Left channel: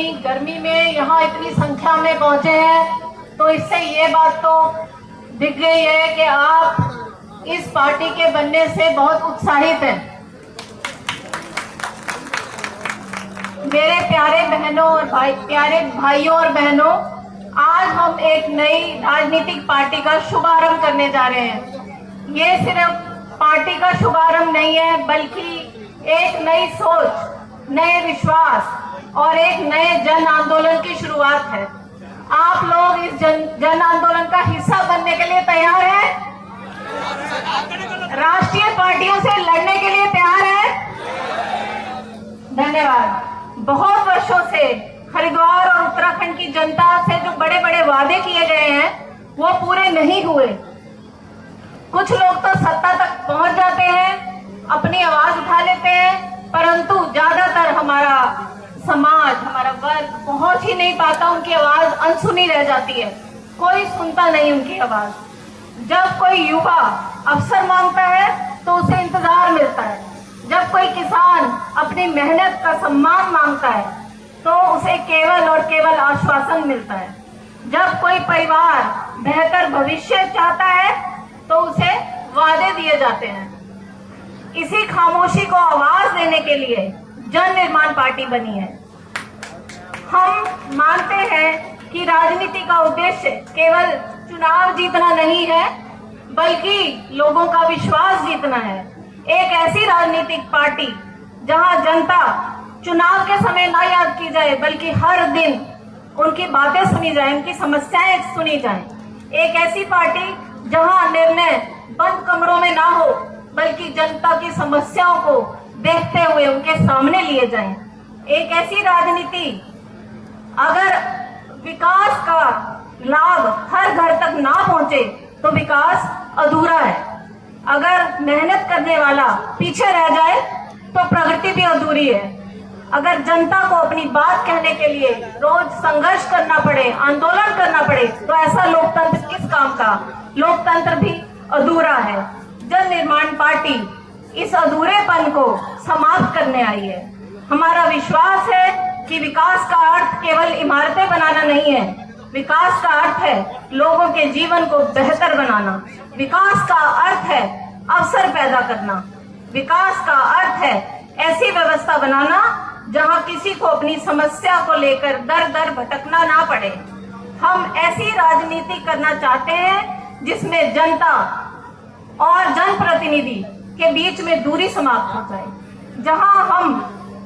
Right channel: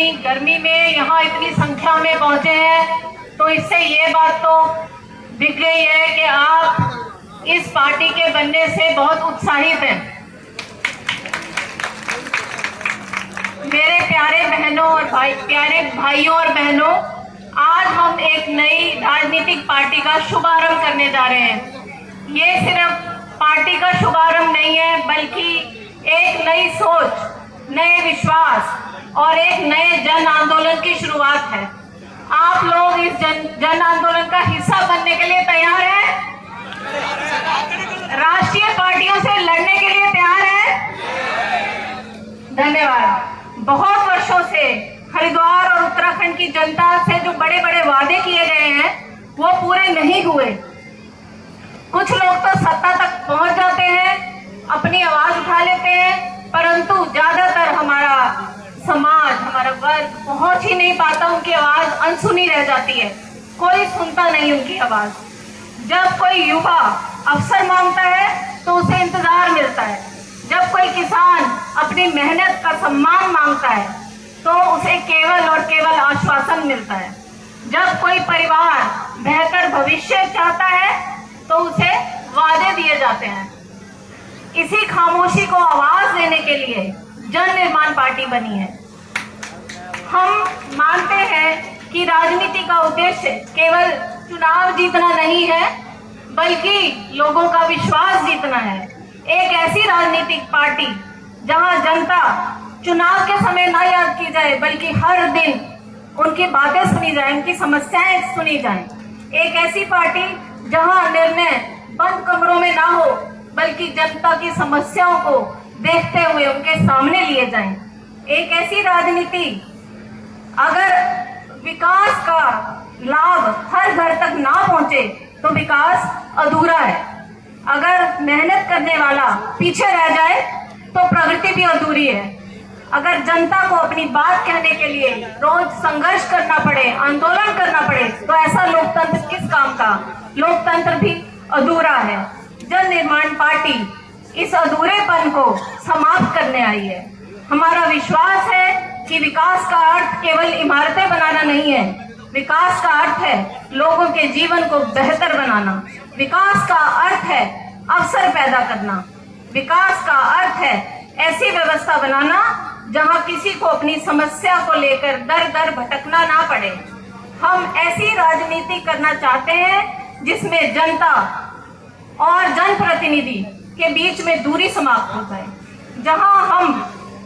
इतनी गर्मी में यहाँ इतनी संख्या में पहुंचे हैं, तो इससे ये बात तो दिख गई है कि आप इस पार्टी के बनने से बहुत उत्साहित हैं। मेरे प्यारे बहनों और प्यारे भाइयों और बहनों, आज हम एक नई राजनीतिक पार्टी का शुभारंभ करने जा रहे हैं। ये सिर्फ पार्टी का शुभारंभ नहीं है, बल्कि एक नई सोच, नए विश्वास और एक नए जन आंदोलन की शुरुआत है। आप लोग इस जन आंदोलन का हिस्सा बनने के लिए तैयार हैं? राष्ट्रीय पार्टियों से लड़ने के लिए तैयार हैं? धन्यवाद। बहुत वर्षों से हरिद्वार और उत्तराखंड की जनता से जो बड़े बड़े वादे किए गए हैं वो पूरे नहीं हुए। कुछ लोग तो सत्ता तक पहुंच जाते हैं, अपनी आवाज उठा लेते हैं, परंतु ज्यादातर हमारा समाज, हमारा वर्ग पहुंच ही नहीं पाता। उनकी आवाज अनसुनी रह जाती है, कोई सुनता नहीं उनकी आवाज। जब कोई युवा अवसर मांगता है तो उसे इंतजार मिलता है। जब कोई किसान अपनी मेहनत का सम्मान मांगता है तो उसे केवल और केवल आश्वासन मिलता है। जब कोई परिवार बेहतर भविष्य चाहता है तो उसे वादे दिए जाते हैं। इसी खामोशी को आवाज देने के लिए जन निर्माण पार्टी बनी है। हम मानते हैं कि राजनीति का उद्देश्य केवल चुनाव जीतना नहीं है, बल्कि लोगों का विश्वास जीतना है। एक ऐसी राजनीतिक पार्टी जहां जनता चुनाव के समय न याद की जाए, बल्कि हर दिन उनकी बातें सुनी जाए, उनकी समस्याएं सुनी जाए। एक ऐसी पार्टी जहां निर्णय बंद कमरों में ना हो, बल्कि जनता की समस्याओं को देखते हुए उनके सामने लिए जाएं। एक ऐसी राजनीति, अगर विकास का लाभ हर घर तक ना पहुंचे तो विकास अधूरा है। अगर मेहनत करने वाला पीछे रह जाए तो प्रगति भी अधूरी है। अगर जनता को अपनी बात कहने के लिए रोज संघर्ष करना पड़े, आंदोलन करना पड़े, तो ऐसा लोकतंत्र किस काम का? लोकतंत्र भी अधूरा है। जन निर्माण पार्टी इस अधूरेपन को समाप्त करने आई है। हमारा विश्वास है कि विकास का अर्थ केवल इमारतें बनाना नहीं है। विकास का अर्थ है लोगों के जीवन को बेहतर बनाना। विकास का अर्थ है अवसर पैदा करना। विकास का अर्थ है ऐसी व्यवस्था बनाना जहां किसी को अपनी समस्या को लेकर दर दर भटकना ना पड़े। हम ऐसी राजनीति करना चाहते हैं जिसमें जनता और जनप्रतिनिधि के बीच में दूरी समाप्त हो जाए, जहां हम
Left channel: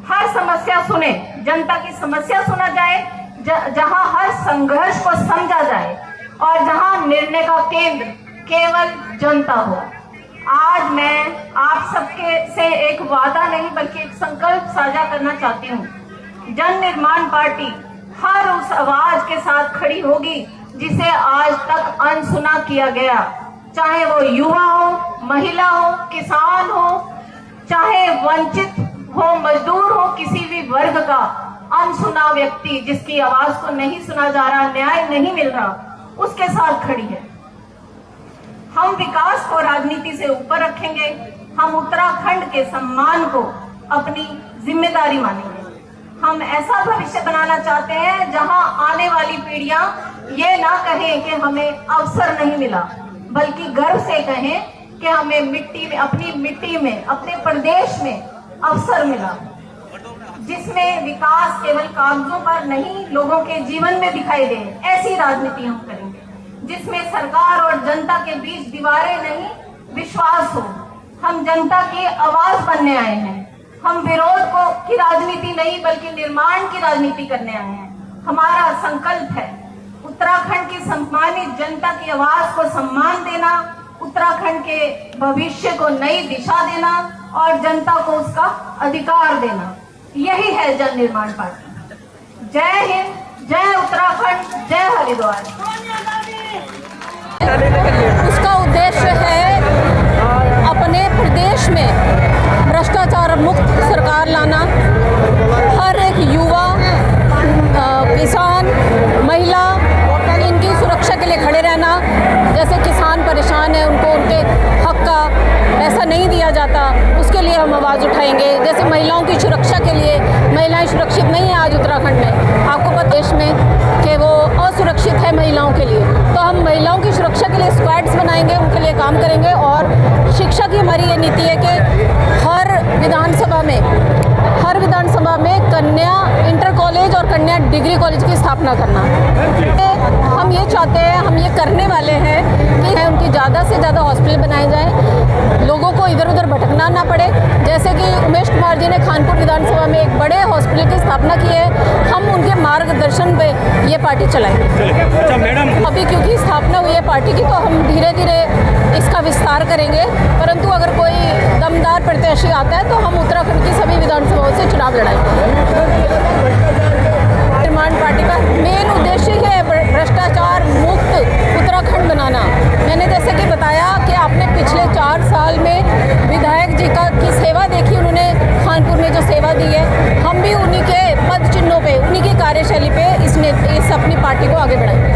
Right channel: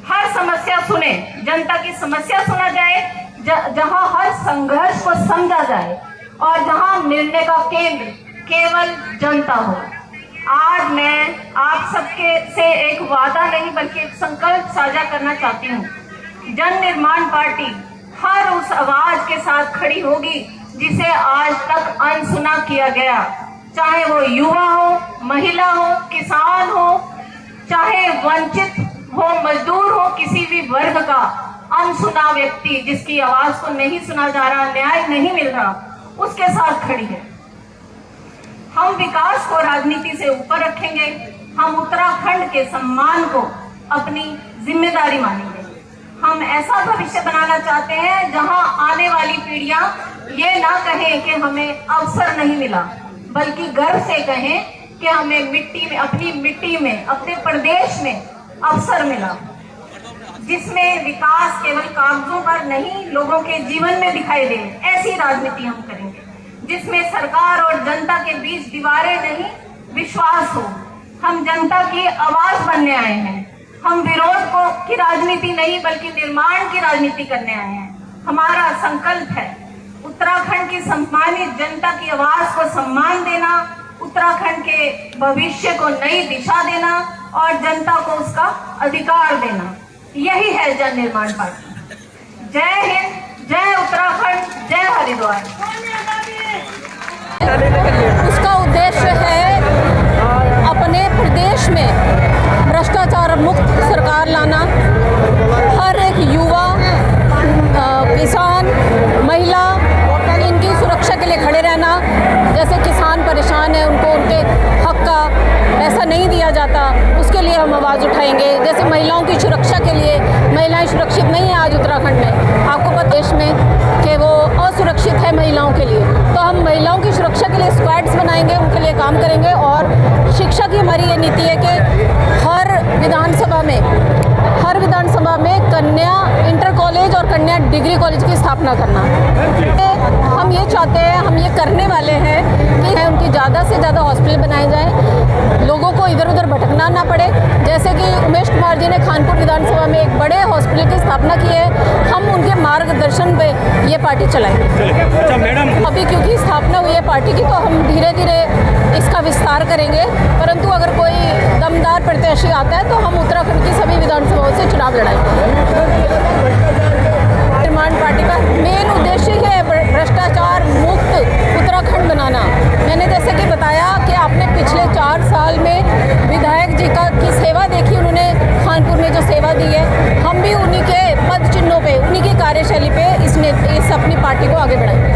हर समस्या सुने, जनता की समस्या सुना जाए, जहां हर संघर्ष को समझा जाए और जहां निर्णय का केंद्र केवल जनता हो। आज मैं आप सबके से एक वादा नहीं बल्कि एक संकल्प साझा करना चाहती हूँ। जन निर्माण पार्टी हर उस आवाज के साथ खड़ी होगी जिसे आज तक अनसुना किया गया, चाहे वो युवा हो, महिला हो, किसान हो, चाहे वंचित हो, मजदूर हो, किसी भी वर्ग का अनसुना व्यक्ति जिसकी आवाज को नहीं सुना जा रहा, न्याय नहीं मिल रहा, उसके साथ खड़ी है। हम विकास को राजनीति से ऊपर रखेंगे। हम उत्तराखंड के सम्मान को अपनी जिम्मेदारी मानेंगे। हम ऐसा भविष्य बनाना चाहते हैं जहां आने वाली पीढ़ियां ये ना कहें कि हमें अवसर नहीं मिला, बल्कि गर्व से कहें कि हमें मिट्टी में, अपनी मिट्टी में, अपने प्रदेश में अवसर मिला, जिसमें विकास केवल कागजों पर नहीं, लोगों के जीवन में दिखाई दे। ऐसी राजनीति हम करेंगे जिसमें सरकार और जनता के बीच दीवारें नहीं, विश्वास हो। हम जनता की आवाज बनने आए हैं। हम विरोध की राजनीति नहीं बल्कि निर्माण की राजनीति करने आए हैं। हमारा संकल्प है उत्तराखंड की सम्मानित जनता की आवाज को सम्मान देना, उत्तराखंड के भविष्य को नई दिशा देना और जनता को उसका अधिकार देना। यही है जन निर्माण पार्टी। जय हिंद, जय उत्तराखंड, जय हरिद्वार। उसका उद्देश्य है अपने प्रदेश में भ्रष्टाचार मुक्त सरकार लाना, हर एक युवा, किसान, महिला, इनकी सुरक्षा के लिए खड़े रहना। जैसे किसान परेशान है, उनको उनके हक का पैसा नहीं दिया जाता, उसके लिए हम आवाज़ उठाएंगे। जैसे महिलाओं की सुरक्षा के लिए, महिलाएं सुरक्षित नहीं है आज उत्तराखंड में, बनाएंगे, उनके लिए काम करेंगे। और शिक्षा की हमारी ये नीति है कि हर विधानसभा में कन्या इंटर कॉलेज और कन्या डिग्री कॉलेज की स्थापना करना। हम ये चाहते हैं, हम ये करने वाले हैं कि उनकी ज़्यादा से ज़्यादा हॉस्पिटल बनाए जाएं, लोगों को इधर उधर भटकना ना पड़े। जैसे कि उमेश कुमार जी ने खानपुर विधानसभा में एक बड़े हॉस्पिटल की स्थापना की है, हम उनके मार्गदर्शन पे ये पार्टी चलाएंगे। अच्छा मैडम, अभी क्योंकि स्थापना हुई है पार्टी की, तो हम धीरे धीरे इसका विस्तार करेंगे। परंतु अगर कोई दमदार प्रत्याशी आता है तो हम उत्तराखंड की सभी विधानसभाओं से चुनाव लड़ाएंगे। निर्माण पार्टी का मेन उद्देश्य है भ्रष्टाचार मुक्त उत्तराखंड बनाना। मैंने जैसे कि बताया कि आपने पिछले 4 साल में विधायक जी की सेवा देखी, उन्होंने खानपुर में जो सेवा दी है, हम भी उन्हीं के पद चिन्हों पे, उन्हीं की कार्यशैली पे इस अपनी पार्टी को आगे बढ़ाएंगे।